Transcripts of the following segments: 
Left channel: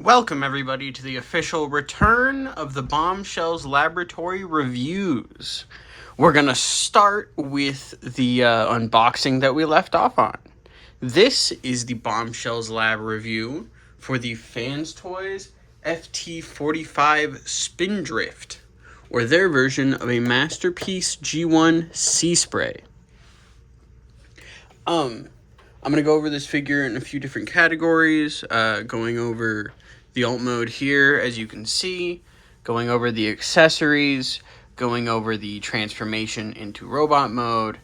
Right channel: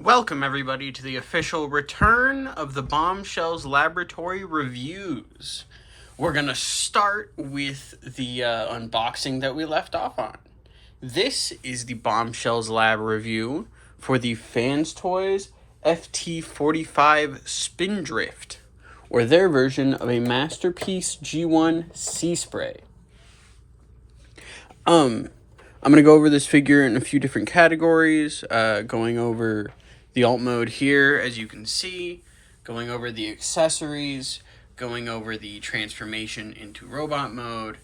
Welcome, everybody, to the official return of the Bombshells Laboratory Reviews. We're going to start with the unboxing that we left off on. This is the Bombshells Lab review for the Fanstoys FT-45 Spindrift, or their version of a Masterpiece G1 Seaspray. I'm going to go over this figure in a few different categories, going over the alt mode here, as you can see, going over the accessories, going over the transformation into robot mode,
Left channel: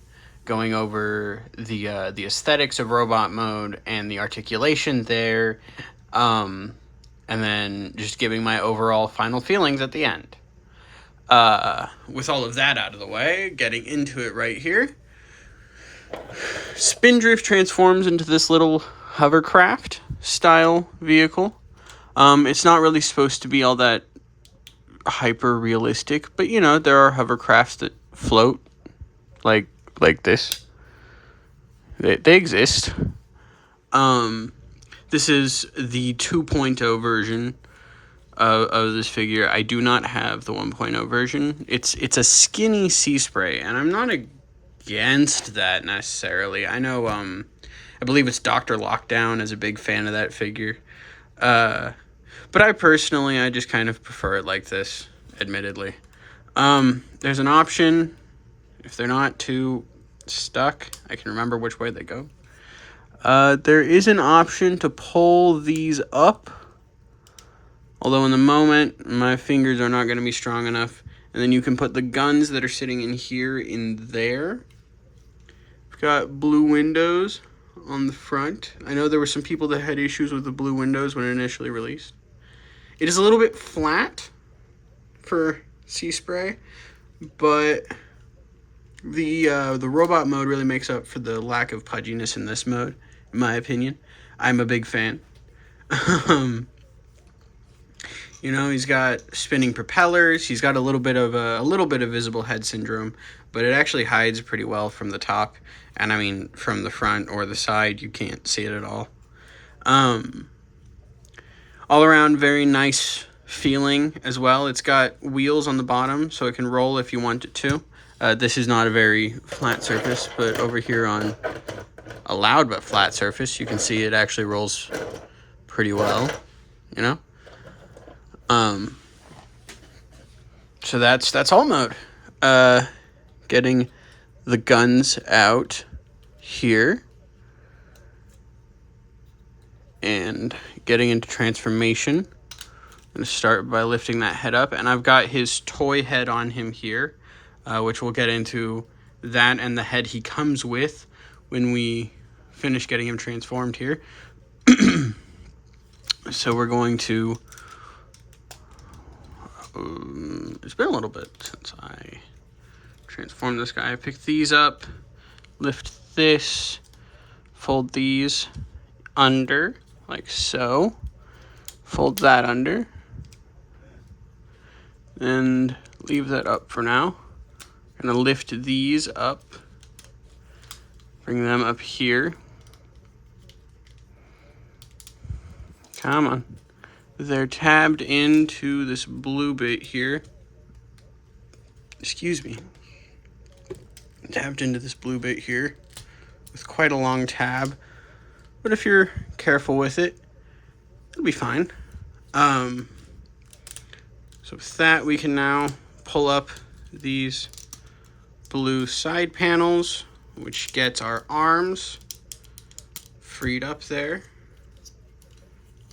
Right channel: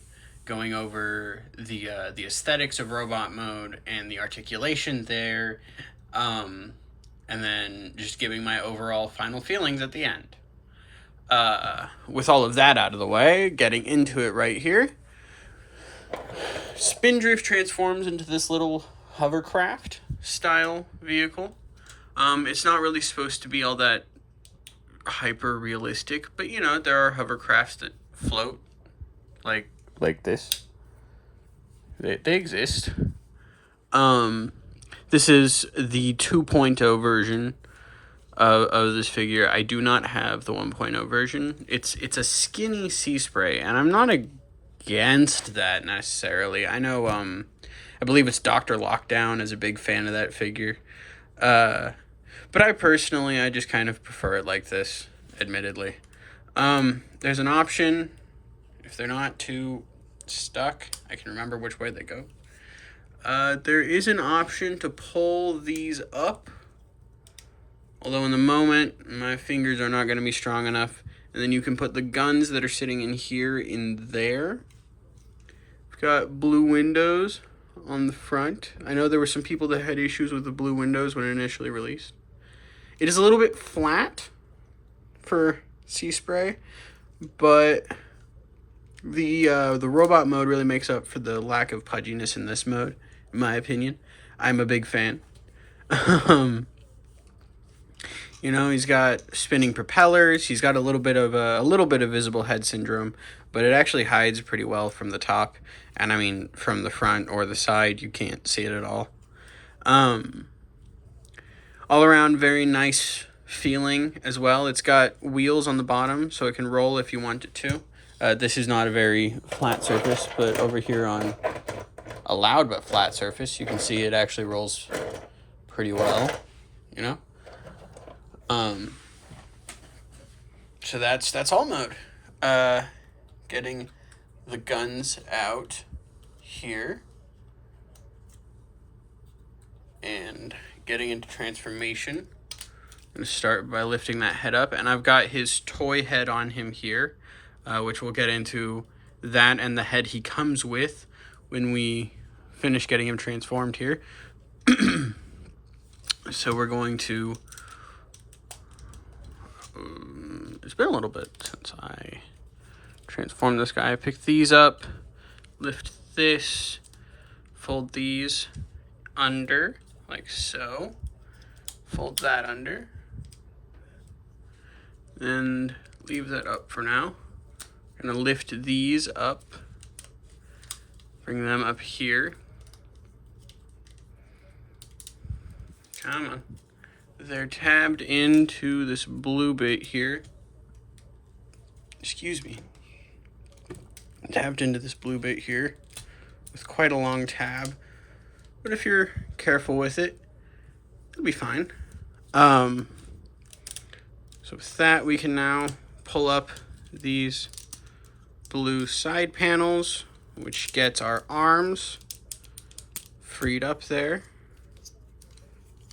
going over the aesthetics of robot mode and the articulation there, and then just giving my overall final feelings at the end. With all of that out of the way, getting into it right here. Spindrift transforms into this little hovercraft style vehicle. It's not really supposed to be all that hyper realistic, but you know, there are hovercrafts that float like this. They exist. This is the 2.0 version of this figure. I do not have the 1.0 version. It's a skinny Seaspray, and I'm not against that necessarily. I know I believe it's Dr. Lockdown is a big fan of that figure. But I just kind of prefer it like this, admittedly. There's an option, if they're not too stuck, I can remember which way they go. There is an option to pull these up, although in the moment, my fingers are not going to be strong enough. And then you can put the guns that are sitting in here in there. We've got blue windows on the front. I know there were some people that had issues with the blue windows when it initially released. It is a little bit flat for Seaspray, but the robot mode really makes up for the lack of pudginess in this mode, in my opinion. I'm a big fan. You know, he's got spinning propellers. He's got a little bit of visible head syndrome, but it actually hides pretty well from the top. And I mean, from the front or the side, you can't see it at all. All around, very nice feeling as well. It's got wheels on the bottom, so it can roll if you want it to. This is not a very flat surface, but over here on a loud but flat surface, you can see it actually rolls pretty well, you know? So that's all mode. Getting the guns out here and getting into transformation. I'm going to start by lifting that head up, and I've got his toy head on him here, which we'll get into that and the head he comes with when we finish getting him transformed here. So we're going to it's been a little bit since I transformed this guy. I pick these up, lift this, fold these under, like so. Fold that under, and leave that up for now. I'm gonna lift these up, bring them up here. Come on. They're tabbed into this blue bit here. Excuse me. Tabbed into this blue bit here with quite a long tab. But if you're careful with it, it'll be fine. So with that, we can now pull up these blue side panels, which gets our arms freed up there.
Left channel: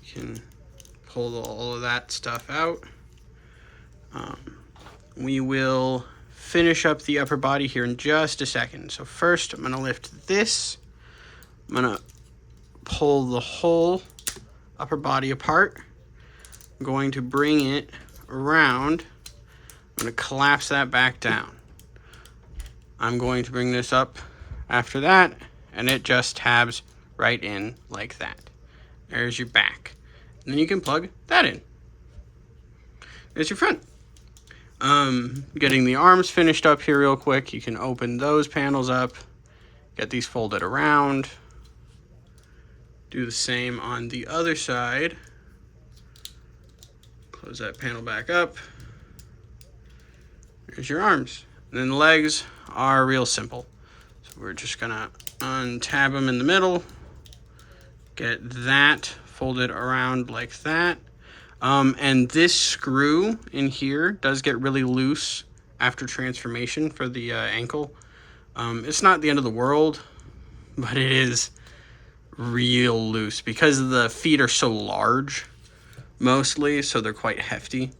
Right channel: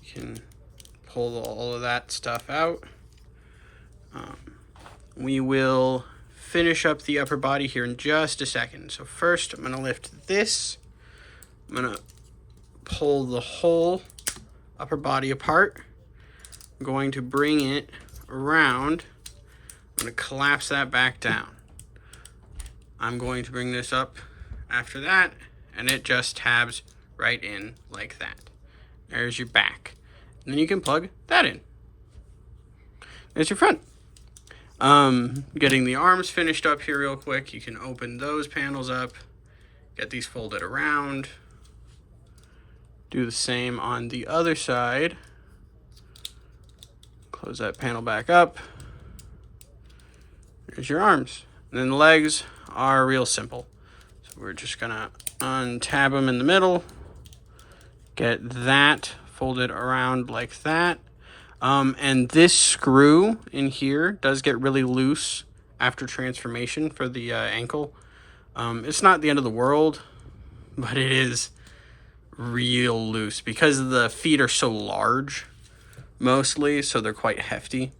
You can pull all of that stuff out. We will finish up the upper body here in just a second. So first, I'm going to lift this. I'm going to pull the whole upper body apart. I'm going to bring it around. I'm going to collapse that back down. I'm going to bring this up after that, and it just tabs right in like that. There's your back. And then you can plug that in. There's your front. Getting the arms finished up here real quick. You can open those panels up, get these folded around. Do the same on the other side. Close that panel back up. There's your arms. And then the legs are real simple. So we're just gonna untab them in the middle. Get that folded around like that. And this screw in here does get really loose after transformation for the ankle. It's not the end of the world, but it is real loose because the feet are so large mostly, so they're quite hefty.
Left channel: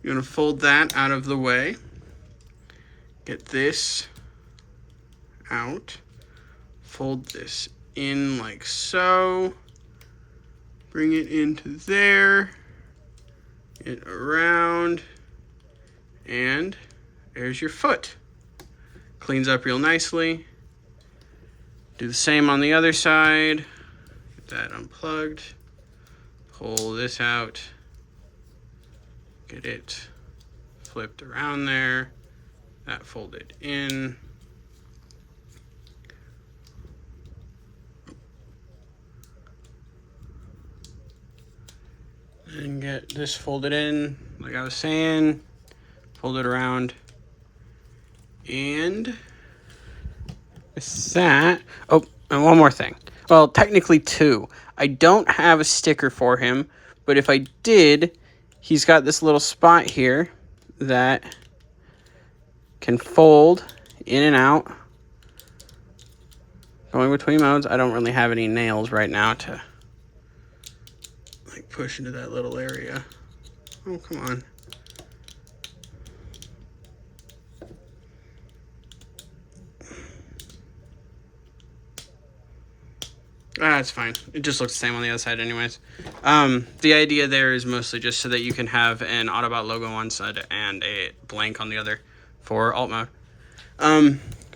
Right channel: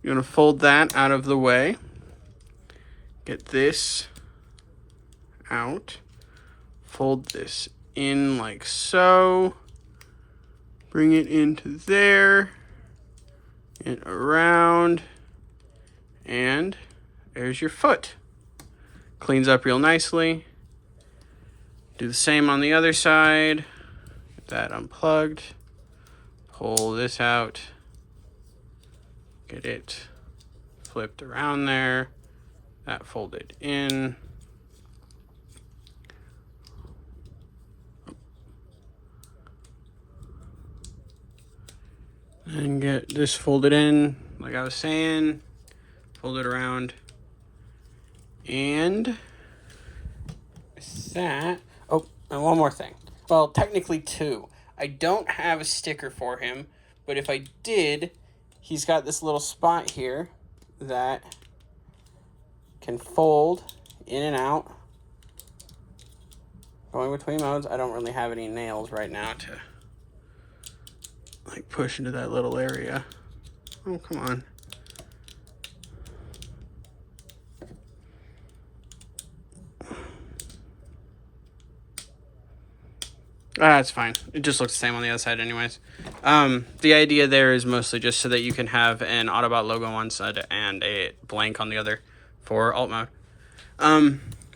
You're gonna fold that out of the way. Get this out. Fold this in like so. Bring it into there. Get around. And there's your foot. Cleans up real nicely. Do the same on the other side. Get that unplugged. Pull this out. Get it flipped around there. That folded in. And get this folded in, like I was saying. Fold it around. And that. Oh, and one more thing. Well, technically two. I don't have a sticker for him, but if I did, he's got this little spot here that can fold in and out. Going between modes. I don't really have any nails right now to like push into that little area. Oh, come on. That's fine. It just looks the same on the other side anyways. The idea there is mostly just so that you can have an Autobot logo on one side and a blank on the other for alt mode.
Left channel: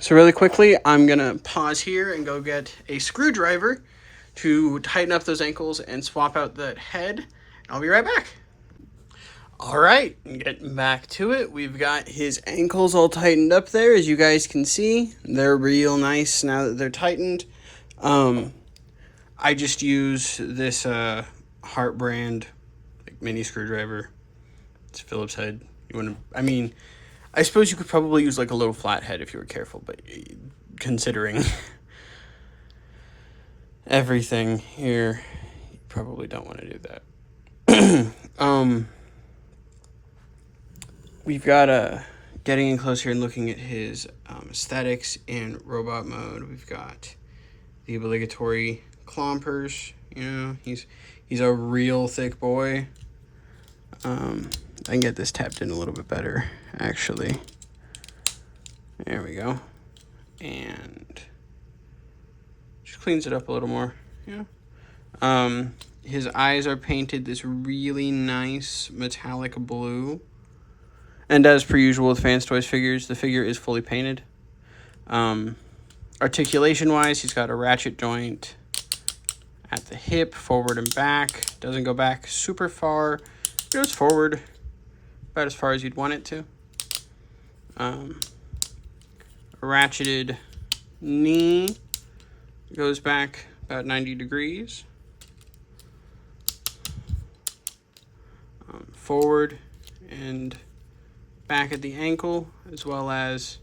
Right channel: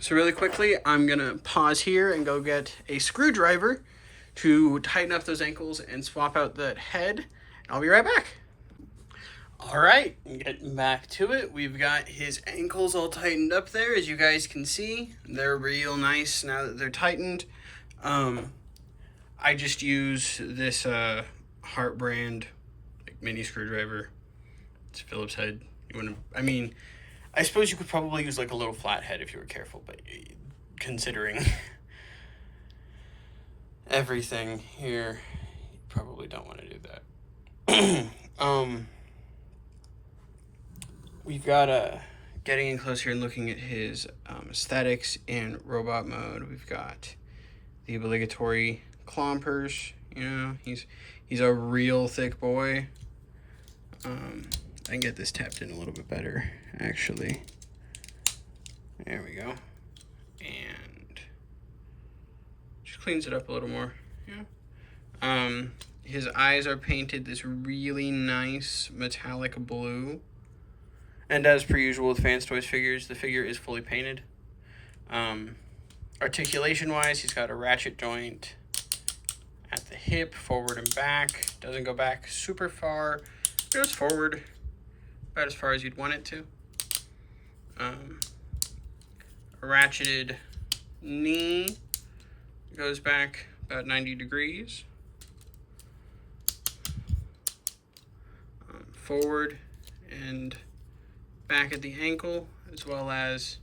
So really quickly, I'm going to pause here and go get a screwdriver to tighten up those ankles and swap out that head. I'll be right back. All right, getting back to it. We've got his ankles all tightened up there. As you guys can see, they're real nice now that they're tightened. I just use this Hart brand like mini screwdriver. It's Phillips head. I suppose you could probably use like a little flat head if you were careful, but considering everything here, you probably don't want to do that. We've got getting in close here and looking at his aesthetics in robot mode. We've got the obligatory clompers. You know, he's a real thick boy. I can get this tapped in a little bit better, actually. There we go. And just cleans it up a little more. Yeah. His eyes are painted this really nice metallic blue. And as per usual with Fanstoys figures, the figure is fully painted. Articulation-wise, he's got a ratchet joint at the hip, forward and back. Doesn't go back super far. Goes forward about as far as you'd want it to. A ratcheted knee. Goes back about 90 degrees. Forward and back at the ankle, as well as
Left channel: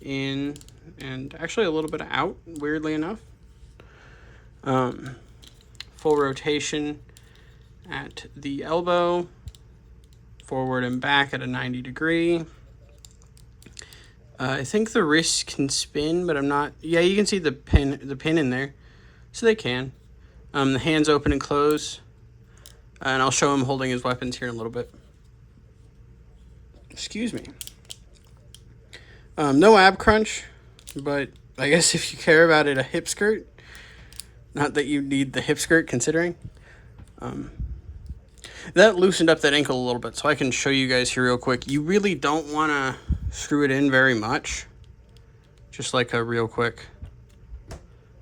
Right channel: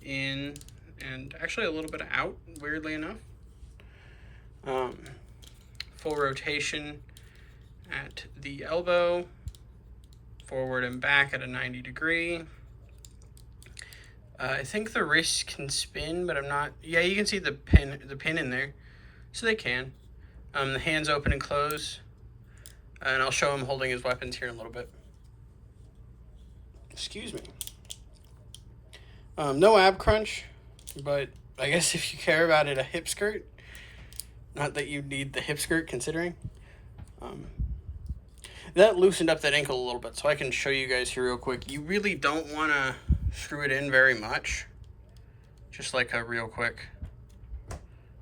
in and actually a little bit out, weirdly enough. Full rotation at the elbow, forward and back at a 90 degree. I think the wrists can spin, but I'm not. Yeah, you can see the pin in there, so they can. The hands open and close, and I'll show him holding his weapons here in a little bit. Excuse me. No ab crunch, but I guess if you care about it, a hip skirt. Not that you need the hip skirt, considering. That loosened up that ankle a little bit, so I can show you guys here real quick. You really don't want to screw it in very much. Just like a real quick,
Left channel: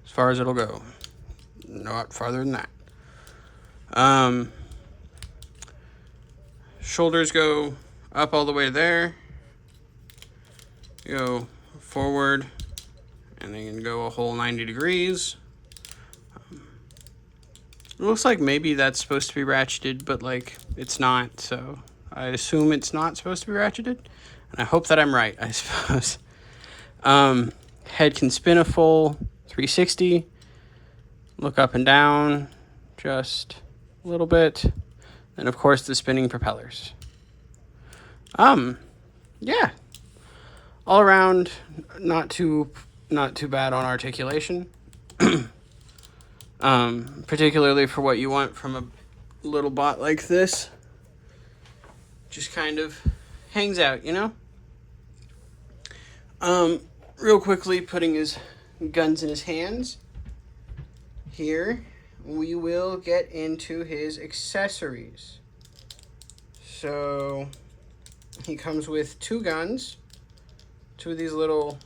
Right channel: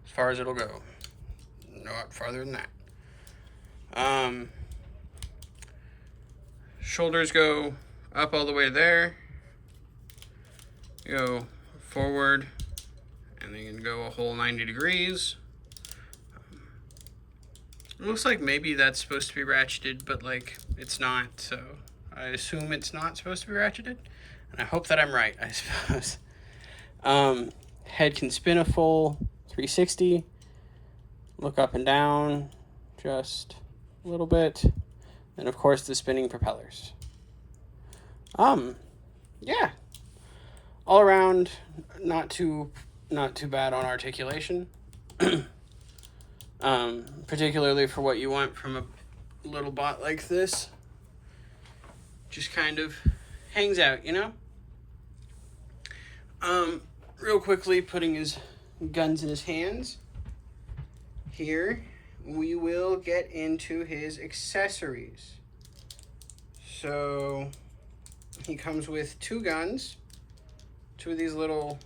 as far as it'll go. Not farther than that. Shoulders go up all the way there. Go forward, and then you can go a whole 90 degrees. It looks like maybe that's supposed to be ratcheted, but like it's not, so I assume it's not supposed to be ratcheted, and I hope that I'm right, I suppose. Head can spin a full 360, look up and down just a little bit, and of course the spinning propellers. Yeah, all around not too bad on articulation. Particularly for what you want from a little bot like this. Just kind of hangs out, you know? Real quickly, putting his guns in his hands. Here, we will get into his accessories. So, he comes with 2 guns, 2 of these little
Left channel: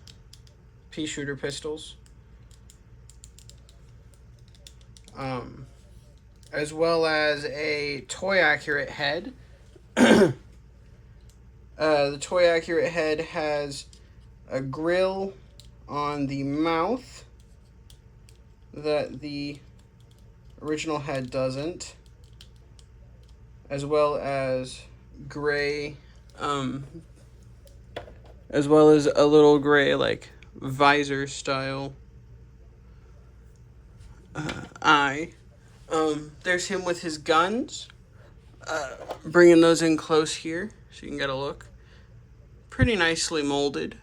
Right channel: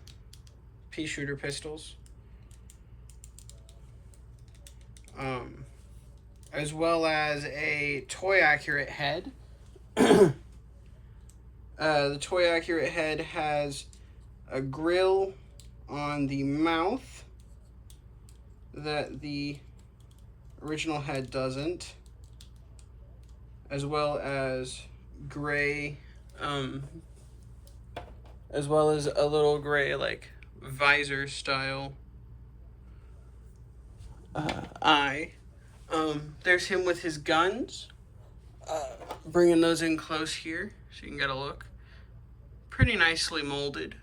pea shooter pistols, as well as a toy accurate head. The toy accurate head has a grill on the mouth that the original head doesn't, as well as gray, as well as a little gray like visor style eye. There's him with his guns, bringing those in close here so you can get a look. Pretty nicely molded,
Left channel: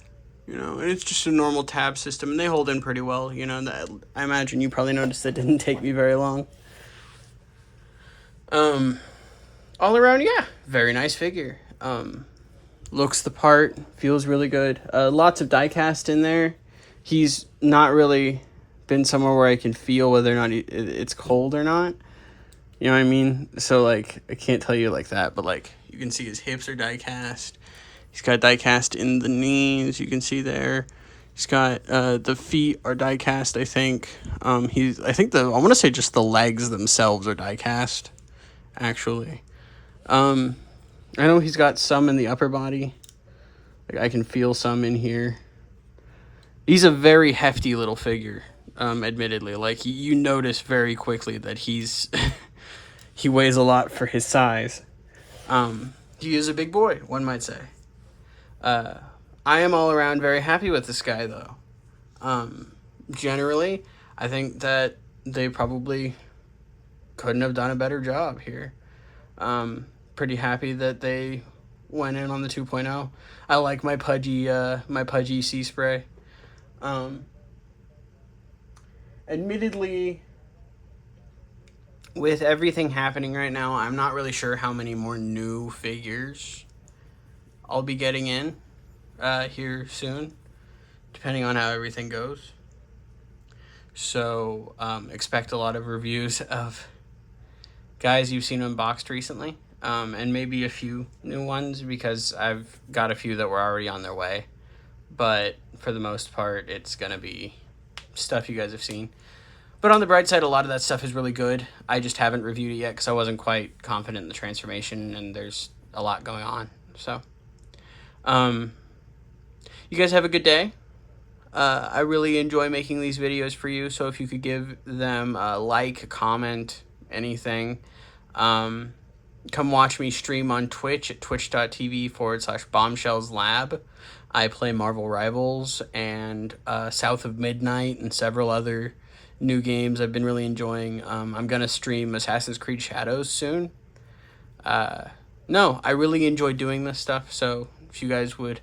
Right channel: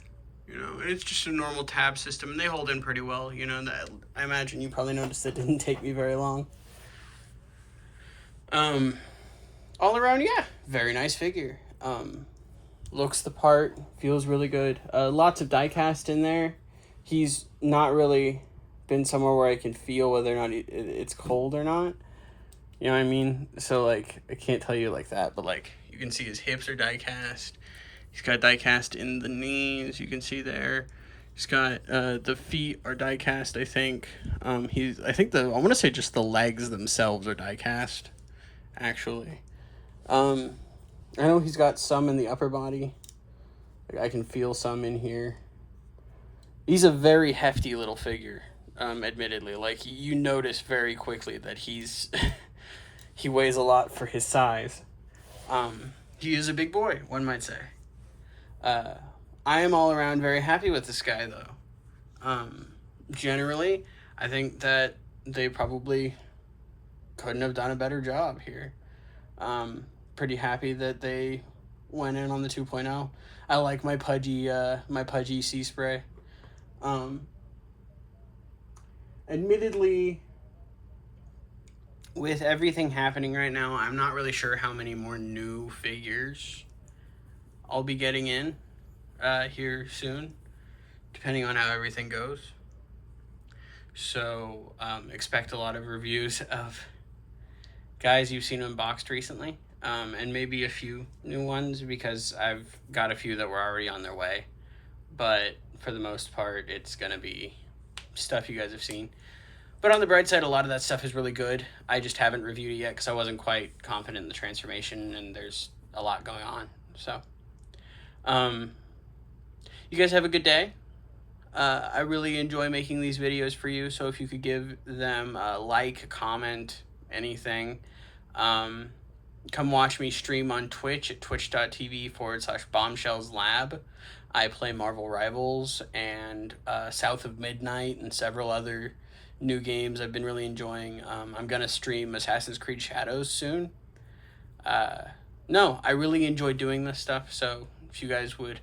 you know, and it's just a normal tab system, and they hold in pretty well, you know. That, I imagine you probably noticed that didn't take me very long. All around, yeah, very nice figure. Looks the part, feels really good. Lots of die cast in there. He's not really been somewhere where I can feel whether or not it's cold or not. You know what I mean? So, like, I can't tell you like that, but, like, you can see his hips are die cast. He's got die cast in the knees, you can see there. He's got, the feet are die cast, I think. I want to say just the legs themselves are die cast, actually. I know he's got some in the upper body. Like, I can feel some in here. He's a very hefty little figure, admittedly. Like, you notice very quickly that he's... he weighs a lot for his size. He is a big boy, one might say. I am all around very happy with this guy, though. Generally, I think that they probably couldn't have done a better job here. Pretty happy that they went in on the 2.0. I like my pudgy Seaspray. Admittedly, with everything happening right now, I'm not really sure how many more new figures I'll be getting in here soon, depending on how everything goes. So expect a lot of reviews of guys you've seen unboxed recently, and maybe a few new ones, because I've got a few that were already on their way. But for the most part, it's gonna be stuff you guys have seen. But on the bright side, a lot of that stuff is really good. I just haven't reviewed it yet because I wasn't quite confident in the transformation, and there's a lot going on. So, you guys have a good day. I really enjoy making these videos for you, so if you could give them a like, comment, anything. Come watch me stream on Twitch at twitch.tv/Bombshells Lab. I play Marvel Rivals and South of Midnight and several other new games I've been really enjoying. I'm gonna stream Assassin's Creed Shadows soon. No, I really enjoy doing this stuff, so if you guys would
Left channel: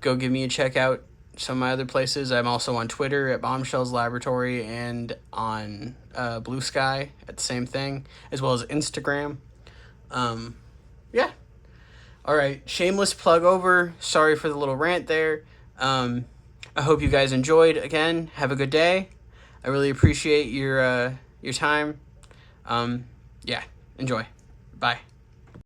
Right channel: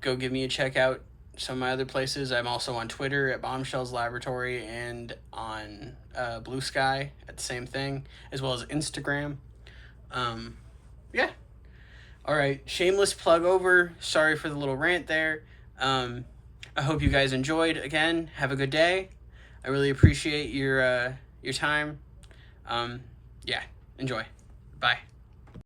go give me a check out some of my other places. I'm also on Twitter at Bombshells Laboratory, and on Blue Sky at the same thing, as well as Instagram. Yeah. Alright, shameless plug over. Sorry for the little rant there. I hope you guys enjoyed. Again, have a good day. I really appreciate your time. Yeah, enjoy. Bye.